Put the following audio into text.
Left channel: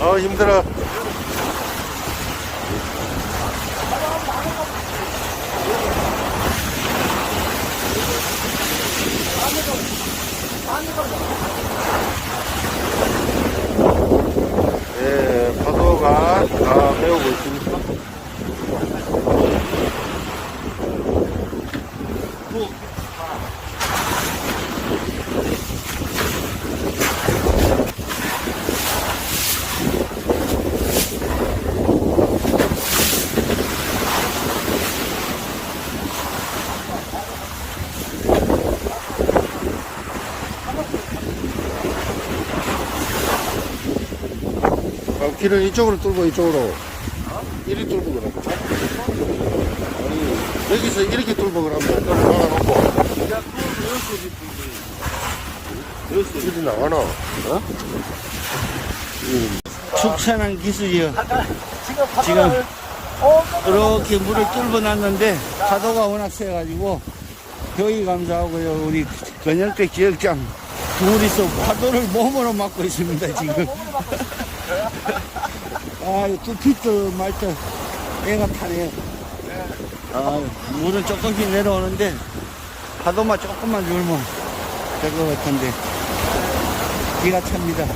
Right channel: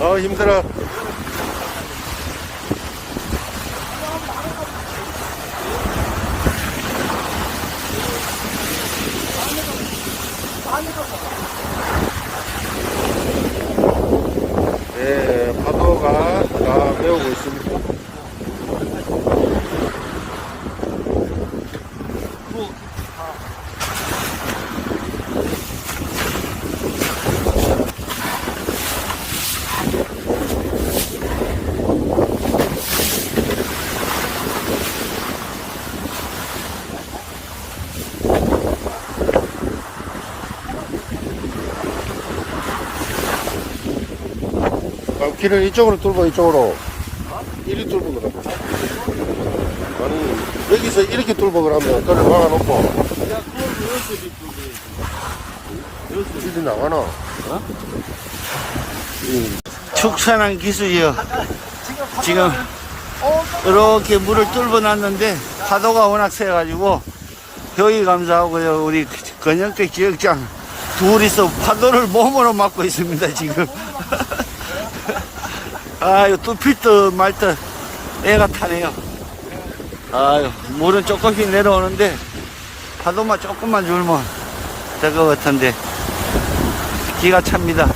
어 힘들어 예, 파도가 다 메우고 있습니다. 아, 길을 이쪽으로 뚫고 이쪽으로. 이리 뚫고 그래. 아니, 여기서 이렇게 뚫고 그러면 그걸 막아놓고. 길이 나가나? 이 축산한 기술이요. 지금 이렇게 물을 뚫어 놨는데 파도가 워낙 세가지고 효의 감사하고요. 우리 건영대 지역장 둘이서 파도를 몸으로 맞고 있습니다. 지금. 아유 뚫힐 듯말듯 애가 타네요. 아유 물은 조금씩 내려오는데 파도만 조금만 줄면 될 것 같은데 기가 찹니다.